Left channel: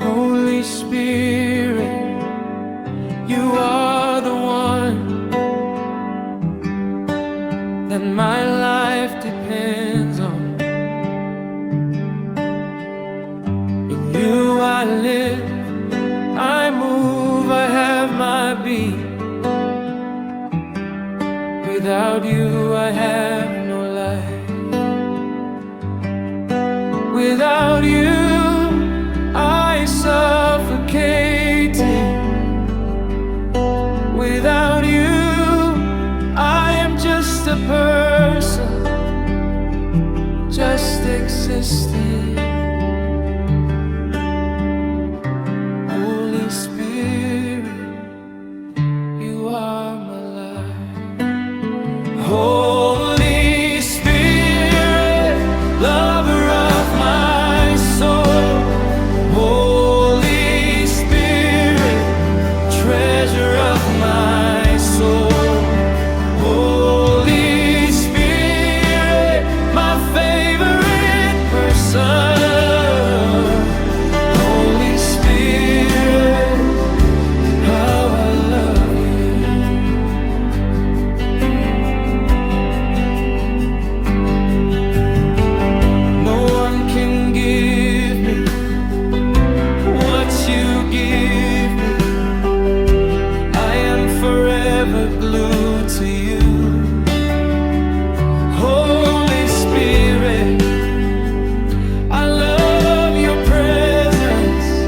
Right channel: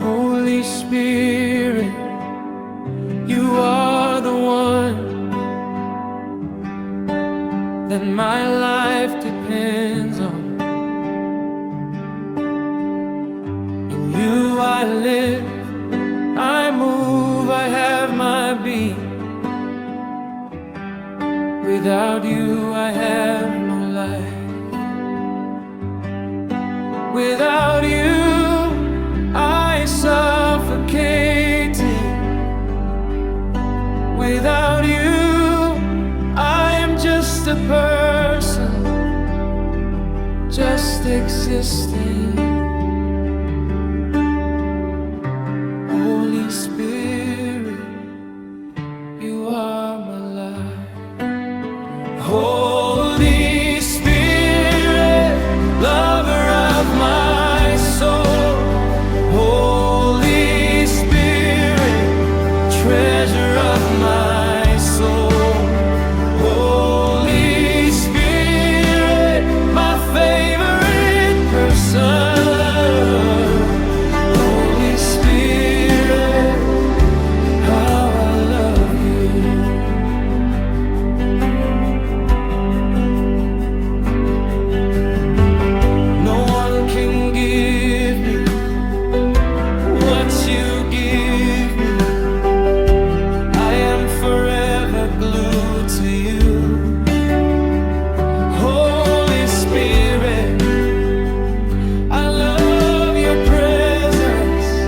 Holy Spirit, you are the one that my life depends on. In you I live, I move, I have my being. Without you I have no life. Without you I suffocating. Without you I am just a person, just existing. Holy Spirit, you are my life. Holy Spirit, lover of my soul. Holy Spirit, treasure of my soul. Holy Spirit, my favorite person. Holy Spirit, how I love you. No one can give me what you give me. I am forever glued to you. Holy Spirit, I love your presence.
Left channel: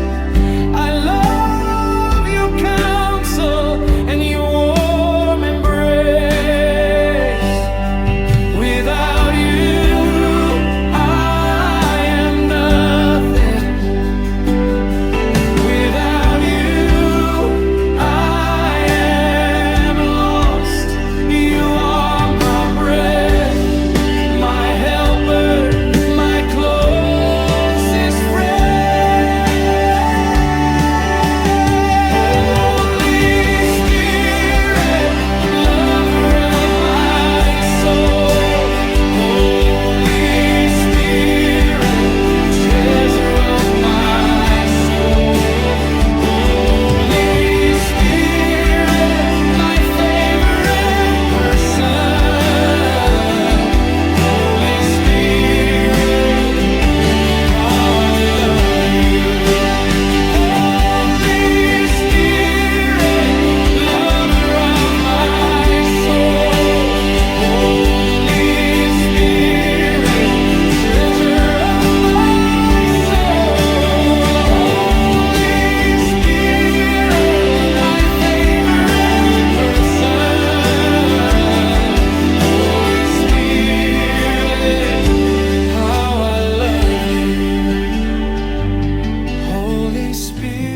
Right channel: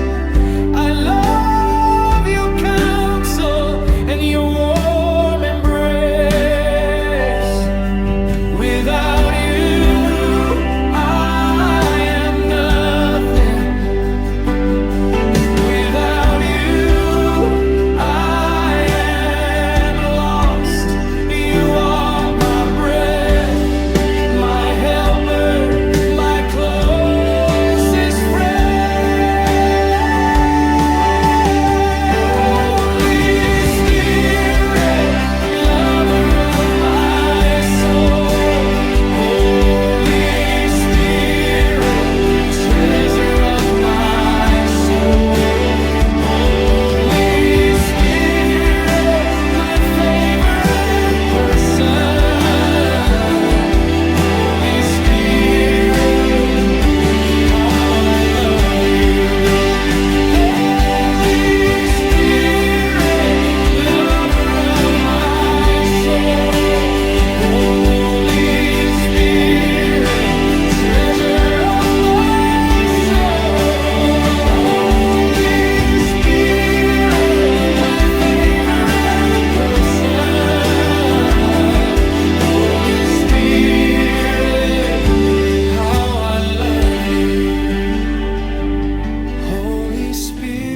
I love your counsel and your warm embrace. Without you I am nothing. Without you I am lost. You are my breath, my helper, my closest friend. Holy Spirit, lover of my soul. Holy Spirit, treasure of my soul. Holy Spirit, my favorite person. Holy Spirit, how I love you. Holy Spirit, lover of my soul. Holy Spirit, treasure of my soul. Holy Spirit, my favorite person. Holy Spirit, how I love you. Holy Spirit.